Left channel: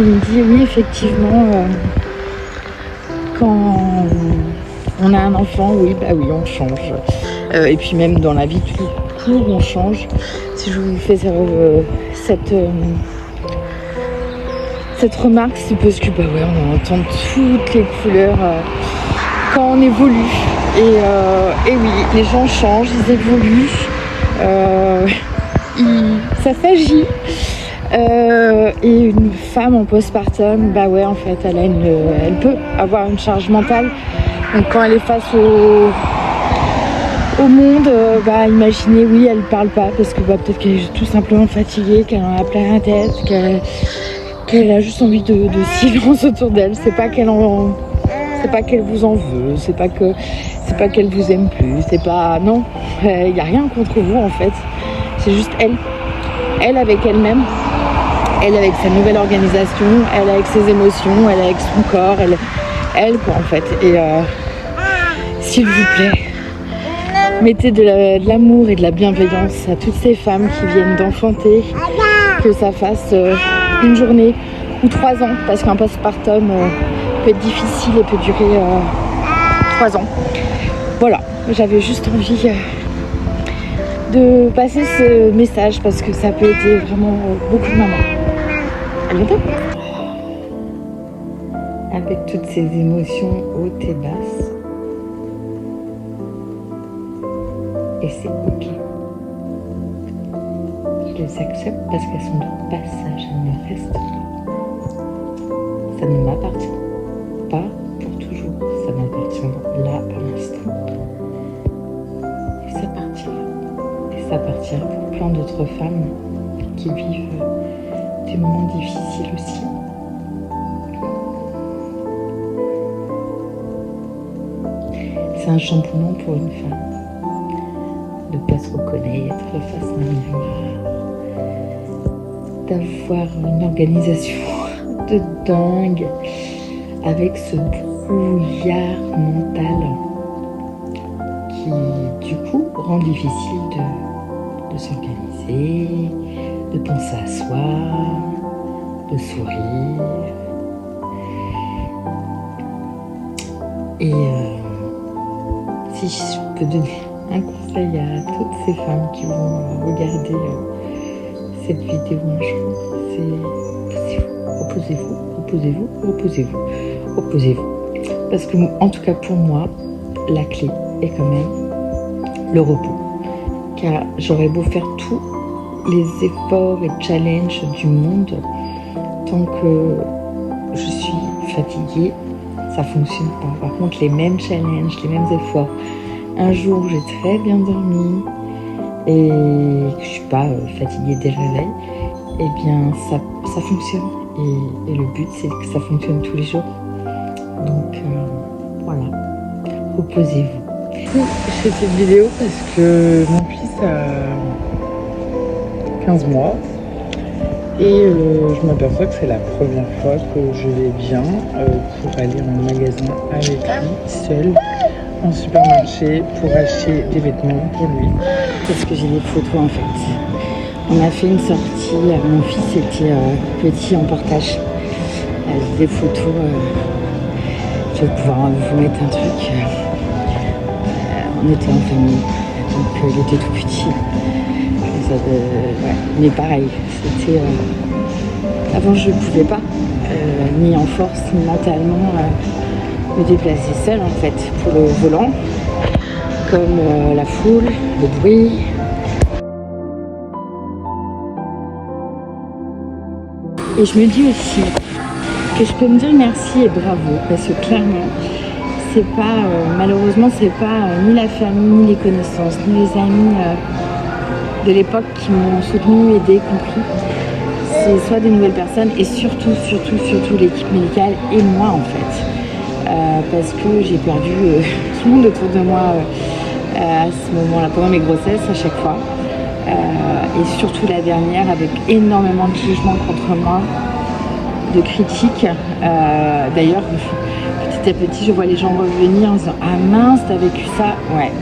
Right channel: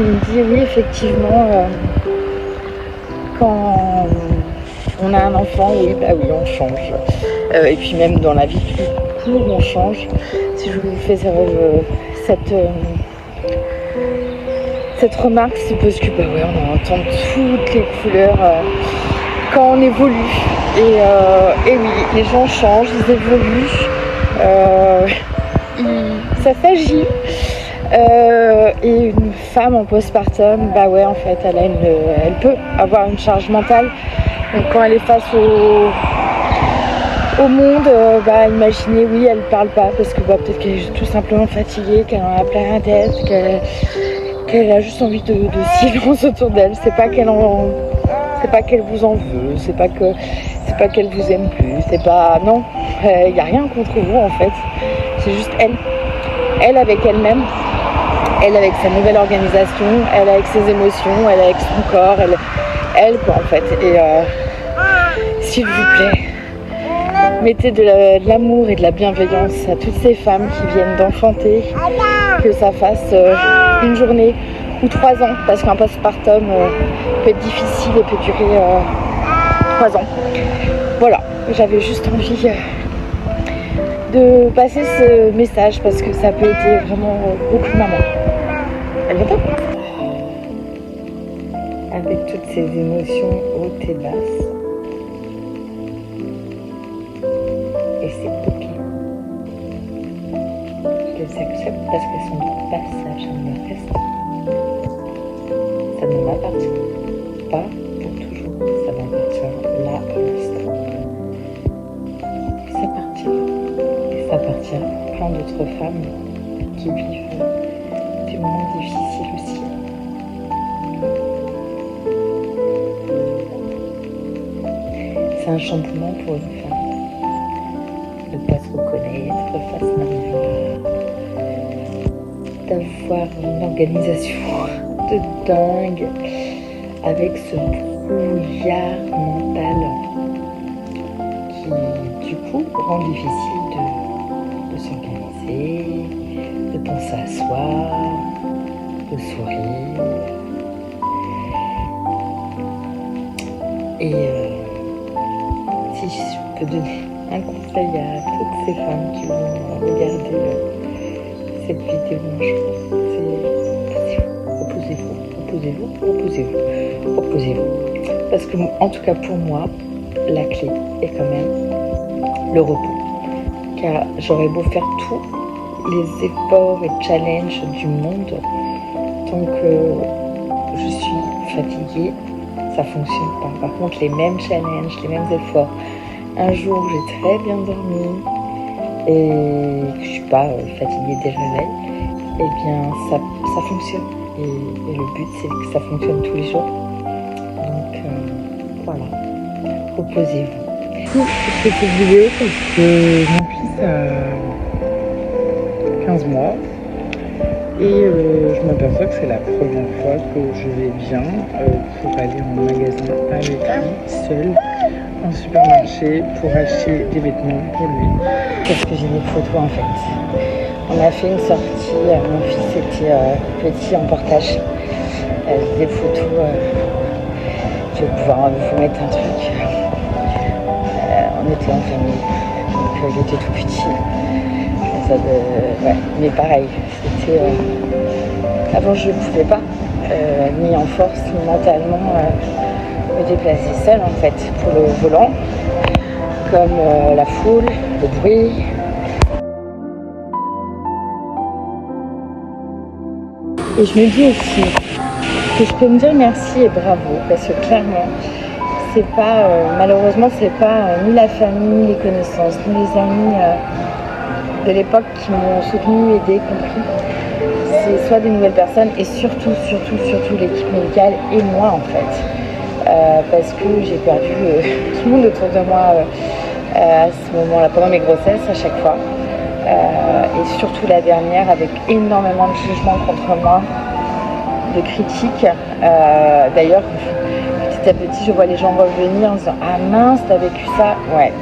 qui me dit oui, effectivement, quand on a un enfant, oui, bah oui, on change. Et puis même dans la vie de tous les jours, on change. Si je vous fais cette remarque, c'est parce que bah ouais, on entend toutes les couleurs quand on évolue. Et oui, les gens changent, ils évoluent. Ça s'agit. Et une femme en postpartum, bah ouais, en fait, elle peut avoir une charge mentale. Donc quand elle est face au monde, bah imaginez, oui, elle parle pas parce que bah, peut-être qu'elle est tout simplement fatiguée, qu'elle en a plein la tête, qu'elle a juste envie de silence autour d'elle. C'est pas qu'elle vous en veut, c'est pas qu'elle vous aime plus, c'est pas, non, il y a rien contre vous en fait. C'est juste elle avec elle-même, elle avec sa nouvelle organisation, elle avec ses émotions, elle avec son corps, elle quoi en fait. Et s'il vous plaît, mettez de l'amour et de la bienveillance à toutes ces femmes qui viennent d'enfanter, que ça fasse une journée ou 3 ans, parce qu'un postpartum peut être difficile et peut durer 3 ans. Voilà, j'avais juste envie de passer ce message parce que ça peut aider vraiment beaucoup de mamans. À bientôt. Avec toutes ces émotions hautes et basses, et c'est ok. Je les accepte parce qu'elles sont de passage, elles me restent. Ça ne m'appartient pas pour toujours, ça m'appartient là à l'instant. Et ça partira. Et ça partira pour plein d'autres femmes qui vivent des moments difficiles aussi. C'est un chamboulement pour une femme de ne pas se reconnaître face à d'avoir une organisation de dingue avec ce brouillard mental qui du coup rend difficile de s'organiser, de penser à soi, de sourire. Et si je peux donner un conseil à toutes ces femmes qui vont regarder cette vidéo un jour, c'est reposez-vous. Parce que, en tout cas pour moi, la clé est quand même le repos. Car j'aurais beau faire tous les efforts et challenges du monde, tant que je suis fatiguée, ça fonctionne pas. Par contre, les mêmes challenges, les mêmes efforts, un jour j'ai très bien dormi et que je suis pas fatiguée dès le réveil, eh bien ça fonctionne. Et le but c'est que ça fonctionne tous les jours. Donc voilà, reposez-vous. Je fais cette vidéo parce que mon fils a 15 mois et je m'aperçois que c'est la première fois que je vais bien pour aller en magasin avec lui, seul, en supermarché, pour acheter des vêtements pour lui. Parce que j'ai des photos en fait. On a fait une sortie, mon fils était petit en portage. Des photos, je vais pouvoir vous mettre un truc. On était en famille, donc il était tout petit. Ouais. Mais pareil, c'était... avant je ne pouvais pas, ni en force, ni mentalement, me déplacer seule en fait, pour le volant, comme la foule, le bruit. Et je me dis aussi que je peux me dire merci et bravo, parce que clairement, c'est pas, malheureusement, c'est pas ni la famille, les connaissances, ni les amis de l'époque qui m'ont soutenue, aidée, compris. C'est soit des nouvelles personnes et surtout l'équipe médicale et moi en fait. Parce que j'ai perdu tout le monde autour de moi à ce moment-là, pendant mes grossesses à chaque fois. Et surtout la dernière avec énormément de jugements contre moi, de critiques. D'ailleurs, petit à petit, je vois les gens revenir en disant « Ah mince, t'as vécu ça ?» Ouais,